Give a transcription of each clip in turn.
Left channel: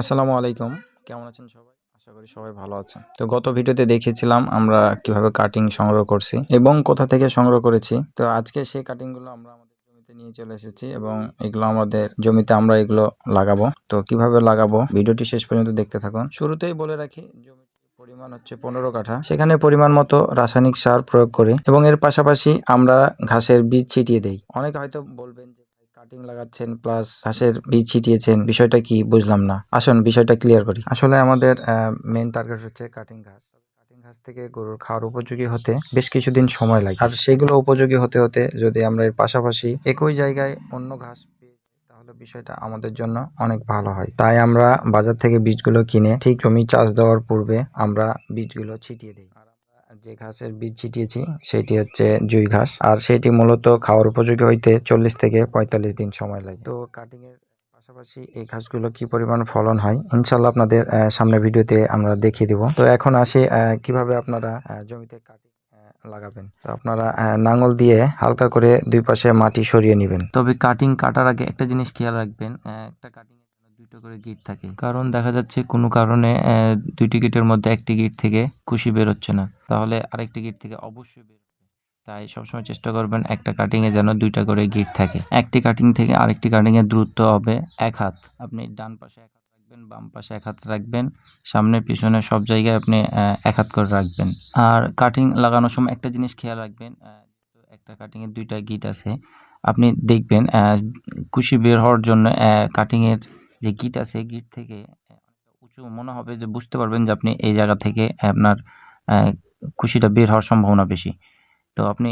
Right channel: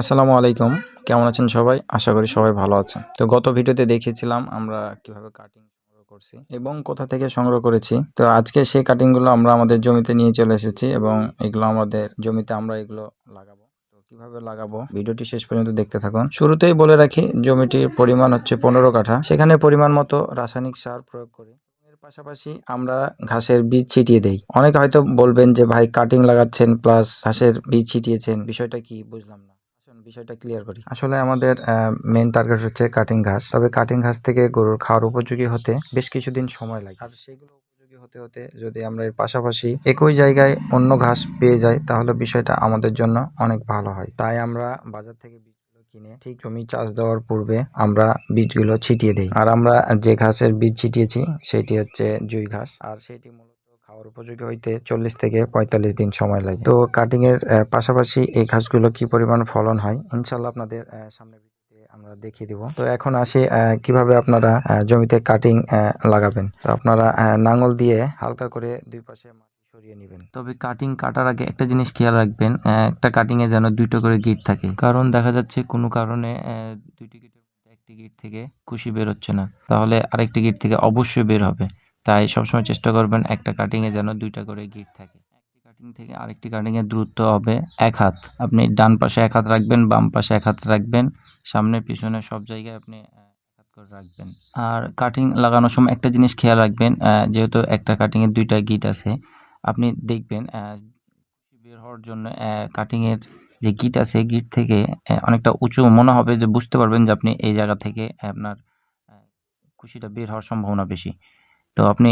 আসসালামু আলাইকুম। কেমন আছেন সবাই? আশা করি সবাই ভালো আছেন। তো গত ভিডিওতে দেখিয়েছিলাম আমরা কীভাবে কাটিং সংগ্রহ করছি এবং কোথা থেকে সংগ্রহ করেছি। তো আজকে সেই কাটিংগুলো আমরা আমাদের জমিতে নিয়ে চলে এসেছি এবং এগুলো আমাদের জমিতে আমরা এগুলো লাগাবো। তো কীভাবে লাগাবো? ভিডিওটি শেষ পর্যন্ত দেখতে থাকুন। শুরুতেই বলে রাখি, জমিটির পরিমাণ হচ্ছে পনেরো কাঠা। সেখানে পরিমাণ মতো রাসায়নিক সার প্রয়োগ করি এবং এর পাশাপাশি আমরা ঘাসের বীজ ছিটিয়ে দেই। অনেকে হয়তো বলবেন যে, ভাই কাটিং লাগাচ্ছেন প্লাস ঘাসের বীজ ছিটিয়েছেন, বিষয়টা কি বুঝলাম না। আসুন, বিষয়টা ক্লিয়ার করি। আসলে আমাদের মেন টার্গেট হচ্ছে কাটিং ঘাস। তবে কাটিং ঘাস থেকে গরুর খাওয়ার উপযোগী হতে বেশ কিছুদিন সময় লাগে। আর সেগুলো উপযোগী হতে হতে যদি আমরা এর পাশাপাশি একই জায়গায় অন্য ঘাস পেয়ে যাই, তাহলে বিষয়টা আমাদের জন্য অনেক ভালো হয়। তাই আমরা বাজার থেকে বীজগুলো কিনে ঠিক জমি চাষ দেওয়ার পূর্বে আমরা বীজগুলো ছিটিয়ে দিই। আর আমরা যে ঘাসের বীজ ছিটিয়েছি, সেটি হচ্ছে জুই ঘাস। আর সেটি মূলত খাওয়ার উপযোগী হইতে চল্লিশ থেকে পঁয়তাল্লিশ দিন সময় লাগে। তো কাটিং এর পাশাপাশি এই ঘাসগুলো কি পরিমাণ ফলন হয়? ইনশাল্লাহ আপনাদের আহ, সামনে ভিডিওতে আমরা দেখিয়ে দিব। তো এখন আসি কীভাবে আপনারা জমিতে কাটিং লাগাবেন। তো আপনারা নাঙল দিয়ে হালকা করে দুই পাশে মাটি সরিয়ে নেবেন। তবে কাটিং কাটার আগে একটা জিনিস খেয়াল রাখবেন একটা কাটিং এ যেন দুটো করে গিট থাকে। কারণ দেখা যাচ্ছে কোনো কারণে দুইটি গিটের মধ্যে একটি গিট থেকে খুশি বের হচ্ছে না। তাহলে আরেকটি গিট থেকে অবশ্যই বের হবে। তাই সবসময় চেষ্টা করবেন একটা কাটিংয়ে যেন দুইটা করে গিট থাকে। একটি কাটিং থেকে আরেকটি কাটিং এর দূরত্ব হবে এক হাত। আপনি ডান পাশে এক হাত রাখবেন, বাম পাশে এক হাত রাখবেন, সামনে, পিছনে সব জায়গায় আপনি এক হাত করে রাখবেন। আর কাটিং লাগানোর সময় একটা জিনিস খেয়াল রাখবেন যেহেতু একটা কাটিং এর দুইটা গিট আছে, আপনি দেখবেন কুশি বের হওয়ার জন্য কাটিংয়ের যে গিট আছে গিট থেকে অনেকটা উঁচু মনে হবে যে বুঝতে পারবেন যে আপনি এই জায়গা থেকে আপনার কুশিটা বের হওয়ার সম্ভাবনা বেশি। তো আপনি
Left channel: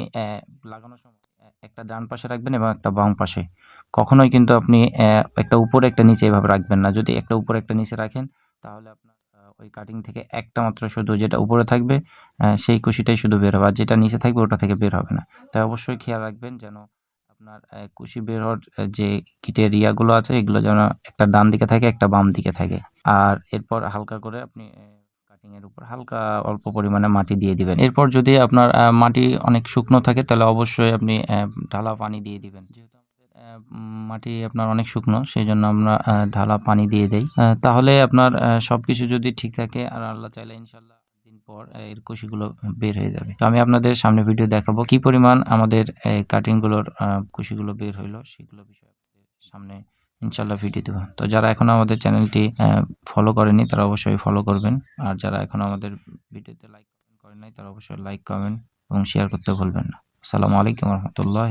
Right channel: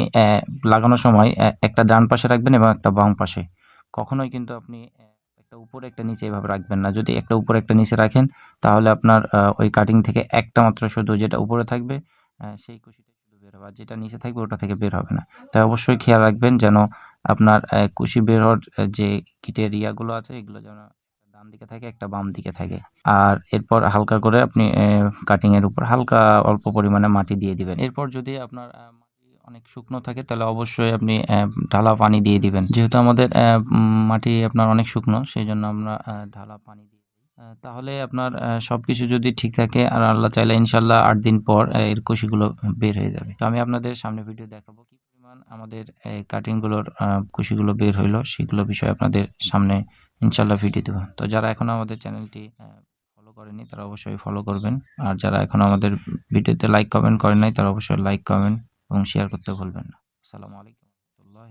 লাগানোর সময় একটা ডান পাশে রাখবেন এবং একটা বাম পাশে। কখনোই কিন্তু আপনি একটা উপরে একটা নিচে এভাবে রাখবেন না। যদি একটা উপরে একটা নিচে রাখেন, তাহলে আপনার ওই কাটিং থেকে একটা মাত্র শুধু যেটা উপরে থাকবে সেই কুশিটাই শুধু বের হবে। আর যেটা নিচে থাকবে, ওটা থেকে বের হবে না। তাই অবশ্যই খেয়াল রাখবেন যেন আপনার কুশি বের হওয়ার যে কিটের ইয়াগুলো আছে, এগুলো যেন একটা ডান দিকে থাকে, একটা বাম দিকে থাকে। আর এরপর হালকা করে আপনি কাটিং এর উপর হালকা অল্প পরিমাণে মাটি দিয়ে দিবেন। এরপর যদি আপনার মাটি অনেক শুকনো থাকে, তাহলে অবশ্যই আপনি ঢালা পানি দিয়ে দিবেন। যেহেতু আমাদের মাটি আপনার অনেক শুকনো সেই জন্য আমরা ঢালা পানি দিয়ে দেই। তাহলে আপনার সবকিছু যদি ঠিক থাকে, আর আল্লাহ চাইলে ইনশাল্লাহ আট দিন পর এর কুশিগুলো বের হয়ে যাবে। তো আমি আপনাদের সামনে ভিডিও দেখাবো, কি পরিমাণ আমাদের কাটিংগুলোর কুশিগুলো বের হইল, সেগুলো বিষয়ে আপনাদের সামনে ইনশাল্লাহ ভিডিও দেবো। তো যারা এখনও আমাদের চ্যানেলটি ফলো করেনি, তারা অবশ্যই ফলো করবেন। আর যারা এখনও আমাদের ভিডিওতে লাইক কমেন্ট করেন নাই, তারা অবশ্যই লাইক কমেন্ট এবং শেয়ার করতে ভুলবেন না। আসসালামু আলাইকুম রহমতুল্লাহ